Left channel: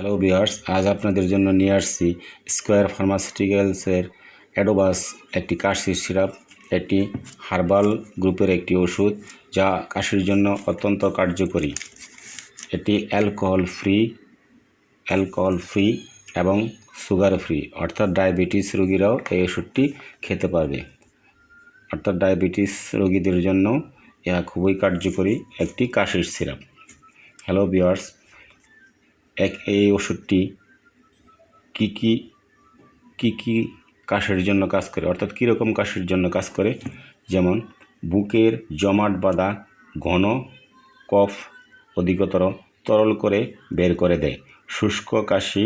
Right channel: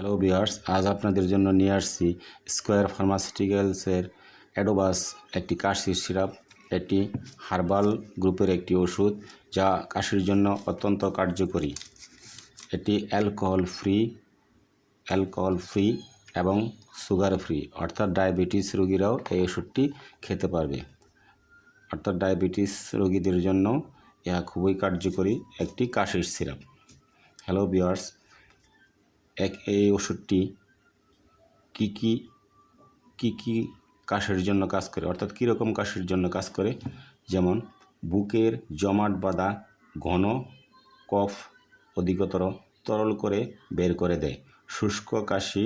Hello viewers, আজ আপনাদের জন্য নিয়ে আসছি স্কোয়ার ফার্মাসিউটিক্যালসের অ্যাডোবাস একটি কাশির সিরাপ। এটি হার্বাল গ্রুপের একটি ওষুধ যা কাশির জন্য অত্যন্ত কার্যকরী। এটি অ্যালকোহল ফ্রি এবং সুগার ফ্রি, অর্থাৎ ডায়াবেটিস রোগীরাও এই ওষুধটি খেতে পারবে। অর্থাৎ ডায়াবেটিস রোগীদের জন্য ইহা খুবই কার্যকরী একটি কাশির সিরাপ। হ্যালো ভিউয়ার্স, এই ওষুধটি কি কি কাশির জন্য কাজ করে, অর্থাৎ কীরকম কাশির জন্য কাজ করে, যেমন বুকের জমাট বাঁধা ঘন কফ অধিকতর তরল করে বের করে দেয়, শুষ্ক কাশি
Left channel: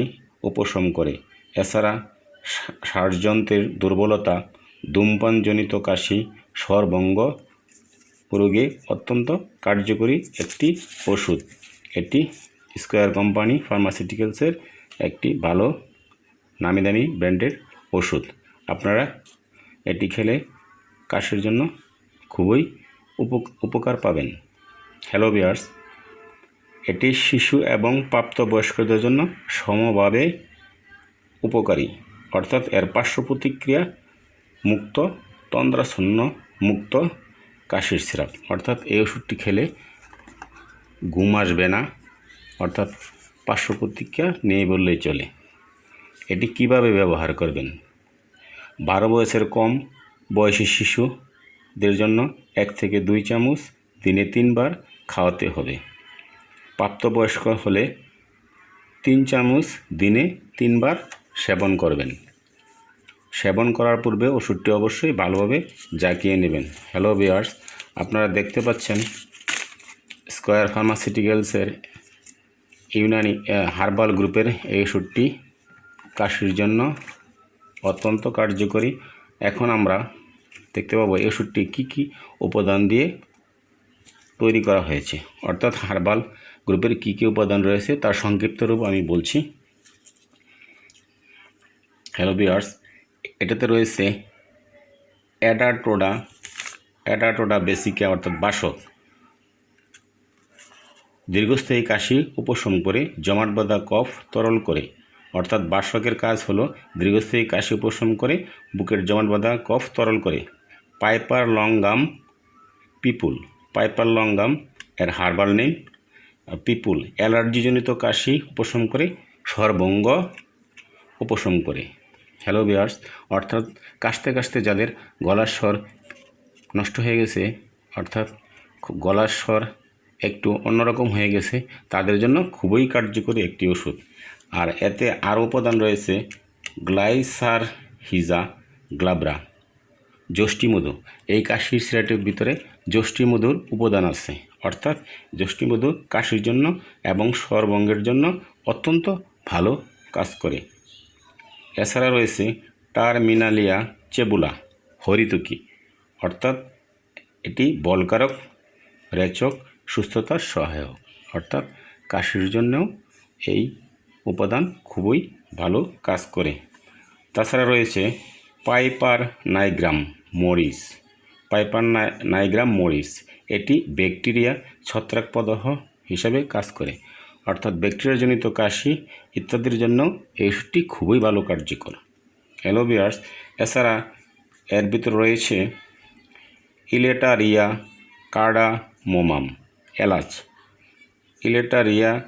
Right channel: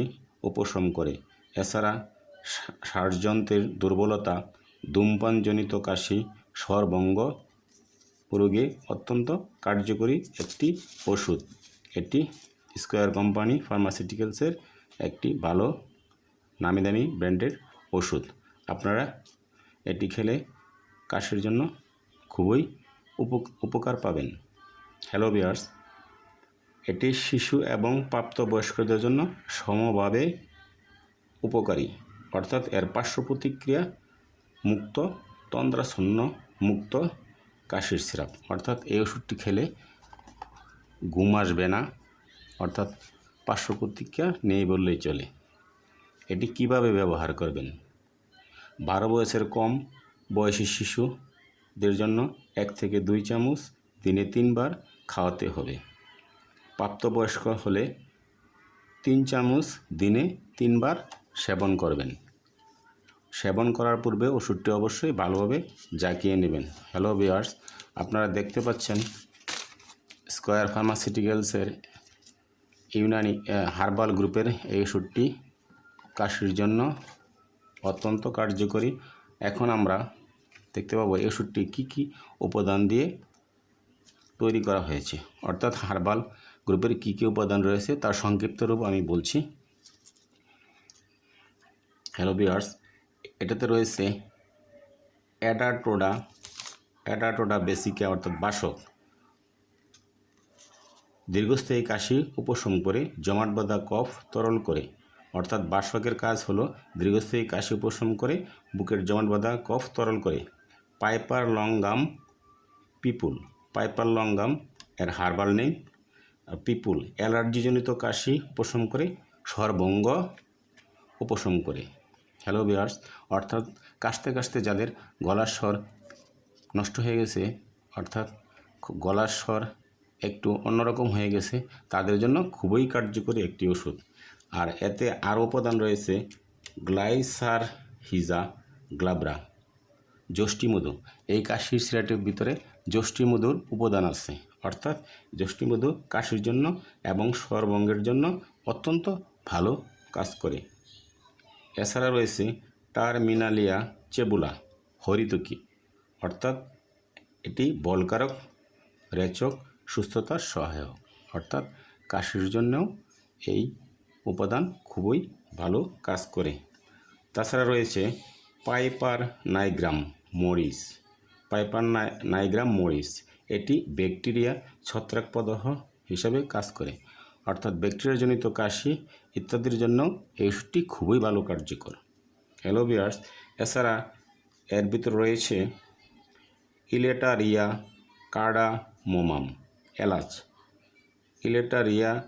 উপশম করে। এছাড়া শ্বাসযন্ত্রের দুর্বলতা, ধূমপানজনিত কাশি, স্বরভঙ্গ রোগে অত্যন্ত কার্যকরী একটি ওষুধ। এটি স্কোয়ার কোম্পানি ফার্মাসিউটিক্যালসের একটি ভালো নামি দামি ব্র্যান্ডের ওষুধ। আপনারা এটি খেলে কাশির জন্য খুবই উপকার পাবেন। হ্যালো ভিউয়ার্স, এটি শিশু এবং প্রাপ্তবয়স্কদের জন্য সমভাবে উপকারী, অর্থাৎ এর পার্শ্ব প্রতিক্রিয়া মুক্ত, তন্দ্রাচ্ছন্ন মুক্ত কাশির সিরাপ। অর্থাৎ এই ওষুধটি খেলে ঘুম আসবে না, অর্থাৎ পার্শ্ব প্রতিক্রিয়া নেই বললেই চলে। এটি কিভাবে ব্যবহার করবেন? 12 বয়সের কম বয়সী শিশুদের জন্য 1 থেকে 2 চামচ দিনে 3 বার খাওয়াতে হবে। প্রাপ্তবয়স্ক হলে 3 চামচ দিনে 3 বার সেবন করবেন। সেবন করার পূর্বে ওষুধটি অবশ্যই ভালোভাবে জাকিয়ে নেবেন। হ্যালো ভিউয়ার্স, আপনারা দেখতে পাচ্ছেন স্কোয়ার ফার্মাসিউটিক্যালসের ইউনানি হার্বাল গ্রুপের এই ওষুধটি কাশির জন্য অত্যন্ত কার্যকরী। এখন আমরা দেখতে পাবো এই ওষুধটি কী উপাদান দিয়ে তৈরি করা হয়েছে, অর্থাৎ হার্বাল গ্রুপের কী উপাদান রয়েছে তার সংক্ষিপ্ত রূপ আমি বলছি। হ্যালো ভিউয়ার্স, এটাতে রয়েছে অ্যাডাটোডা বেসিকা, অর্থাৎ বাসক, দীর্ঘস্থায়ী কাশি উপশম করে, জমাট বাঁধা কফ তরল করে। অর্থাৎ বাসকের কাজ হলো দীর্ঘস্থায়ী কাশি উপশম করে, বুকের জমাট বাঁধা কফ তরল করে। পাইপার লংগাম এর হার্বাল নেম পিপুল, অ্যালার্জিজনিত কাশি উপশম করে, স্বরভঙ্গ উপশম করে। হ্যালো ভিউয়ার্স, অর্থাৎ কাশতে কাশতে যাদের গলার স্বর নষ্ট হয়ে গেছে, অর্থাৎ গলার স্বর একটু অন্যরকম হয়ে গেছে, তাদের জন্য খুবই কার্যকরী একটি ওষুধ। আর এতে আরও উপাদান রয়েছে গ্লাইসারহিজা গ্লাব্রা, যষ্টিমধু। এই কাশির সিরাপের ভিতরে যষ্টিমধুর উপাদান আছে, অর্থাৎ যষ্টিমধু কাশির জন্য এবং স্বরভঙ্গের জন্য অত্যন্ত ভালো কাজ করে। এছাড়া রয়েছে টার্মিনালিয়া চেবুলা হরিতকি, অর্থাৎ এটি বলকারক, রেচক, সুস্থতার সহায়ক, অর্থাৎ কাশির জন্যও এই উপাদান খুবই ভালো কাজ করে। তাছাড়া রয়েছে পাইপার নাইগ্রাম মরিস, এটি ব্যাকটেরিয়া ছত্রাক প্রদাহ হিসাবে কাজ করে, অর্থাৎ ব্যাকটেরিয়াজনিত কাশি ইত্যাদির জন্য এই ওষুধটি খুবই ভালো কার্যকর। হ্যালো ভিউয়ার্স, এছাড়া এর ভিতরে রয়েছে ইলেটারিয়া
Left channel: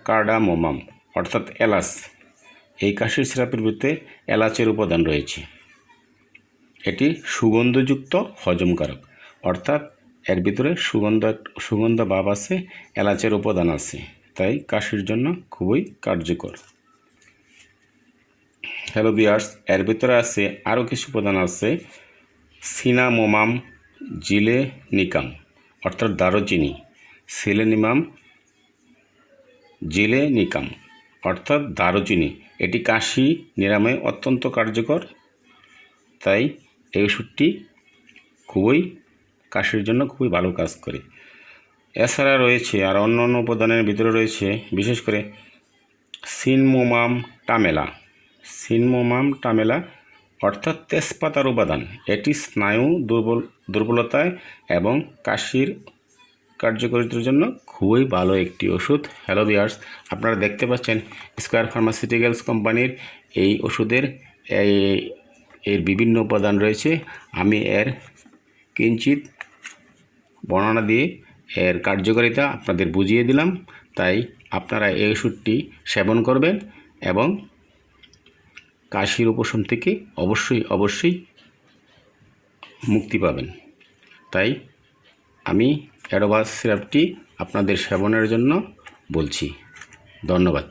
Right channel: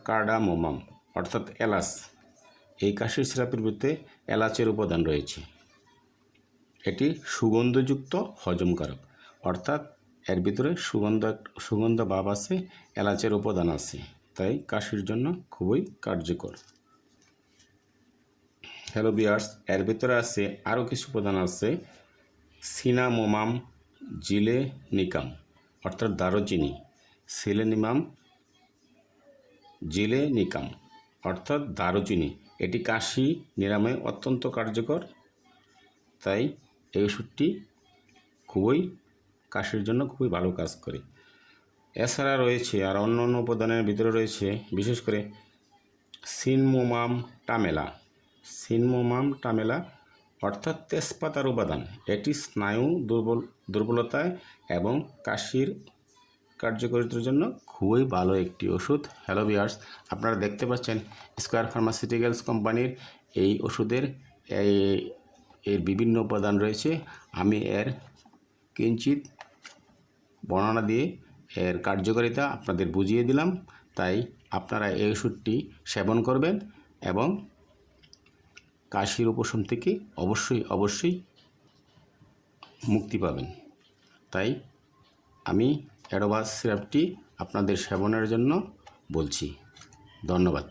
কার্ডামোমাম, অর্থাৎ এলাচ। এই কাশির সিরাপের ভিতরে এলাচের উপাদান রয়েছে। এটি সুগন্ধযুক্ত হজমকারক, অর্থাৎ এর ভিতরে সুগন্ধ ভাব আছে, এলাচের উপাদান আছে, তাই কাশির জন্য খুবই কার্যকর। হ্যালো ভিউয়ার্স, এর ভিতরে আছে আরও কিছু উপাদান আছে, সিনামোমাম জিলেনিকাম, অর্থাৎ দারুচিনি, জিলেনিকাম, অর্থাৎ দারুচিনি। এটি কাশি নিরাময়ে অত্যন্ত কার্যকর, তাই এই ওষুধটি কাশির জন্য খুবই ভালো কাজ করে। এছাড়া রয়েছে আর অন্যান্য উপাদানের ভিতরে রয়েছে বিশেষ করে সিনমোমাম টামেলা, অর্থাৎ তেজপাতার উপাদান। এটি স্নায়ু দুর্বলতায় এবং কাশির কার্যকারিতার জন্য খুবই ভালো একটি ওষুধ। হ্যালো ভিউয়ার্স, আপনারা দেখতে পাচ্ছেন স্কয়ার ফার্মাসিউটিক্যালস কোম্পানির এই ওষুধের এর বিভিন্ন উপাদান রয়েছে। আমি এর কিঞ্চিত বর্ণনা দিয়ে এর কার্যকারিতা আপনাদের বুঝিয়ে দিলাম। তাই আপনারা এই ওষুধটি সেবন করবেন এবং কাশির উপশম থেকে অবশ্যই মুক্তি পাবেন। তাই আমি অ্যাডোভাস সিরাপটি আপনাদের সেবনের জন্য বলছি। ধন্যবাদ।